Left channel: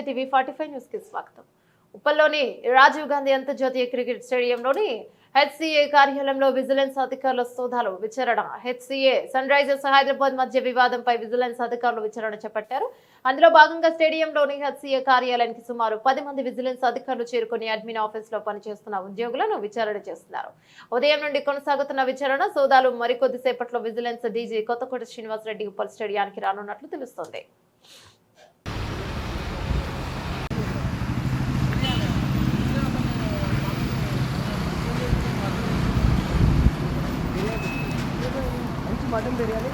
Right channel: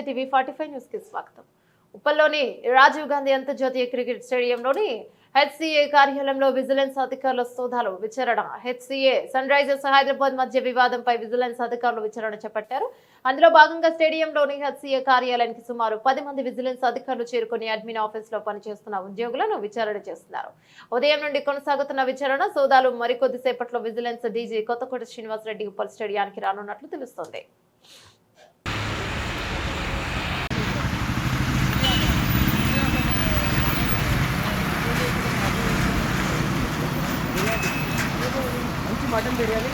నమస్తే TV 45 news కి స్వాగతం. ఉప్పల్లోని రాజీవ్ గాంధీ అంతర్జాతీయ క్రికెట్ స్టేడియంలోని హెచ్సిఏ కార్యాలయంలో విజిలెన్స్ అధికారుల సోదాలు విచారణ. హెచ్సిఏ సన్ రైజర్స్ హైదరాబాద్ మధ్య వివాదంపై విజిలెన్స్ అధికారులు విచారణ చేపట్టారు. అందులో భాగంగా స్టేడియంలోని హెచ్సిఏ కార్యాలయానికి సుమారు 10 మంది విజిలెన్స్ అధికారులు చేరుకుని అడ్మిన్ ఆఫీస్ లో పనిచేస్తున్న ఉద్యోగులను విచారణ చేస్తున్నారు. ఉదయం నుండి కొనసాగుతున్న విచారణ సోదాలు మరికొద్ది సేపట్లో విజిలెన్స్ డీజీ కొత్తకోట శ్రీనివాసరెడ్డి ఉప్పల్ స్టేడియానికి రానున్నట్లు తెలుస్తోంది. मटन बिरयानी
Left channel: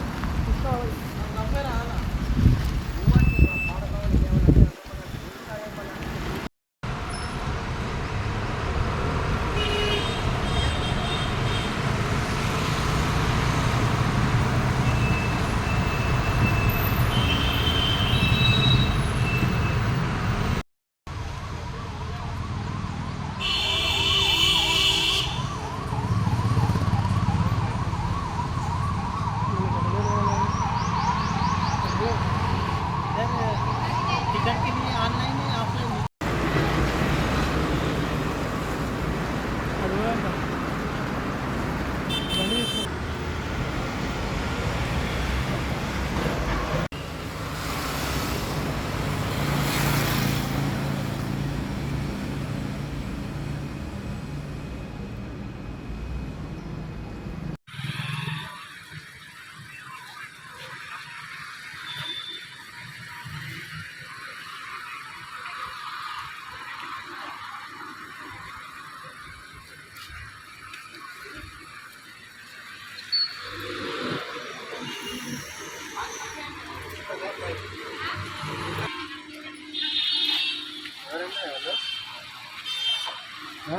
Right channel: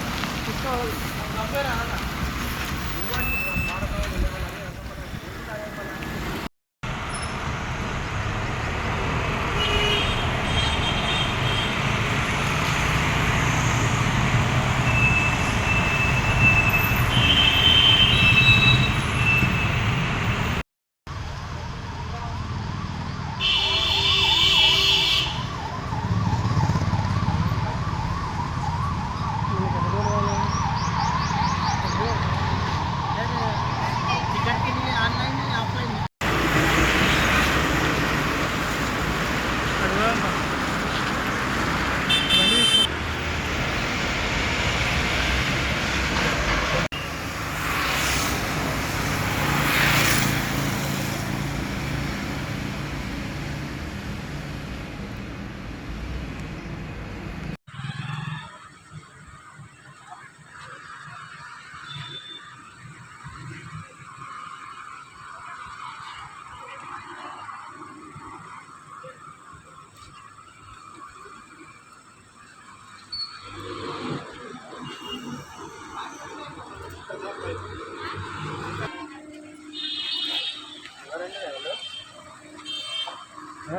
टिकट के लिए ऑनलाइन है ऑफलाइन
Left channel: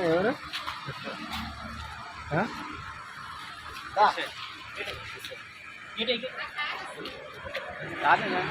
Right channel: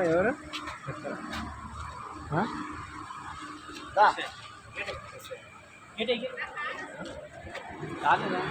ఎవరు రాలేదా